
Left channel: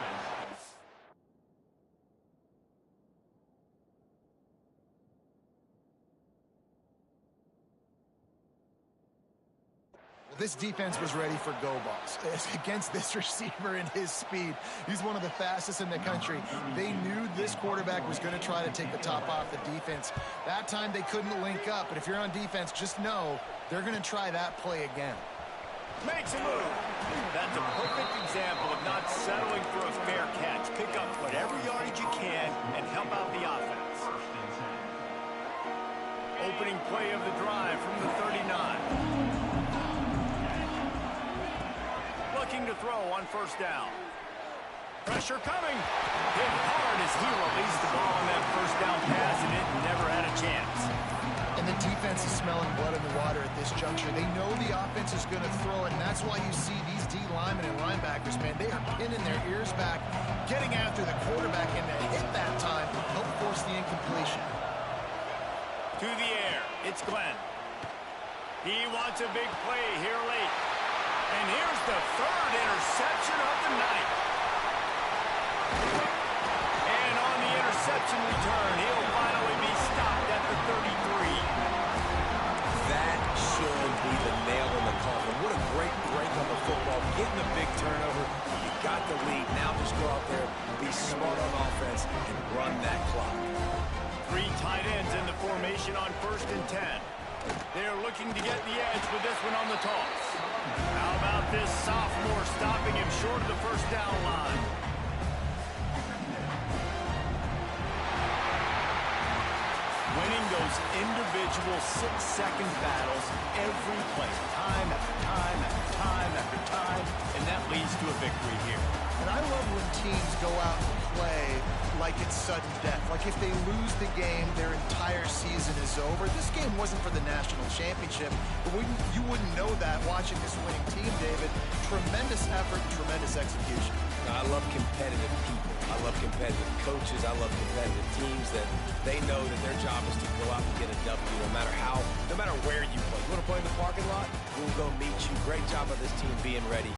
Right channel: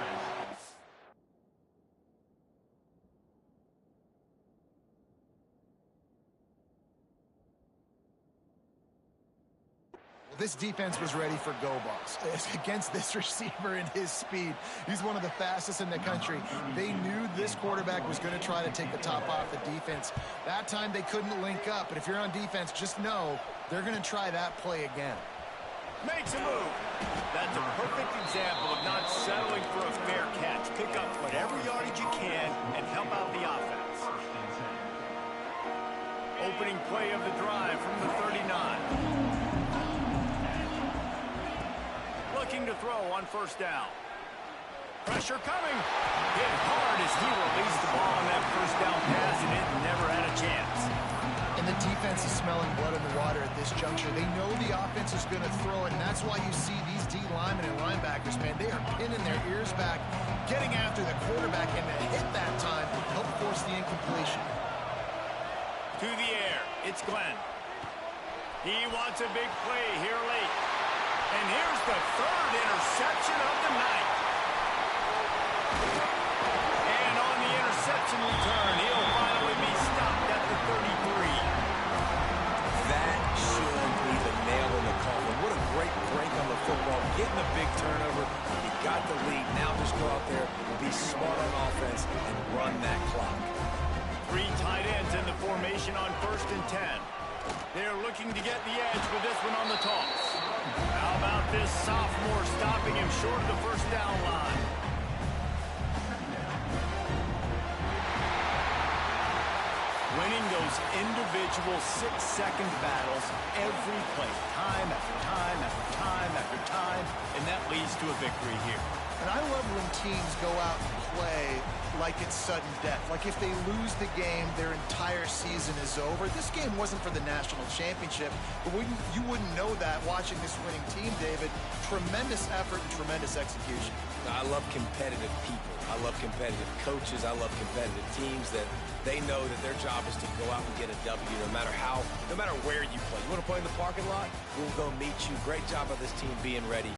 This defense was ready for go balls against this receiver and his speed. He's one of the fastest in the country. They knew this quarterback was going to try to take the top off the defense. That time they couldn't link up, but if you're on defense, just know they're going to try that play again. Makes a move. That's a perfect example of not settling for a fair catch. Pick up whatever yardage you can and help out the offense. Opening play of the drive from the 39. Looking to throw on 1st down. Pressure coming. Hit hard as he released the ball on that 1st down pass, and it never had a chance. And the defense is smelling blood in the water at this juncture. They know the offense is going to throw it, and that's why you see these D linemen and linebackers, man, they are pinning their ears back, getting after the quarterback, and the hit that time helped force the incompletion. To the air, it's Glenn. He wants a big play here late. And here's the 3rd interception of the night. And on the interception return, he'll finally be stopped at the 33. That should be the nail in the coffin. What a great break on the football. Getting a big turnover. You got the lead. Now just go out there, be smart on offense, and run that clock. 3 tight ends in the formation on 1st and 10. They're looking to get the edge with this one on the toss. How about this sophomore stopping him short of the 1st down line? Winning those individual 6-second battles free play time after time after time after time, and that leads to a victory here. And I love when teams go out and play like it's sudden death. Like if they lose the game, their entire season is over. This game wasn't for the national championship, but you wouldn't know that watching this winning team, David. Tremendous effort and tremendous execution. I love competitive people. I love competitive coaches. I love competitive teams that they know that their job is to go out and get a W no matter where you play. You want to play in the parking lot? We'll go meet you. Great job of this team being ready.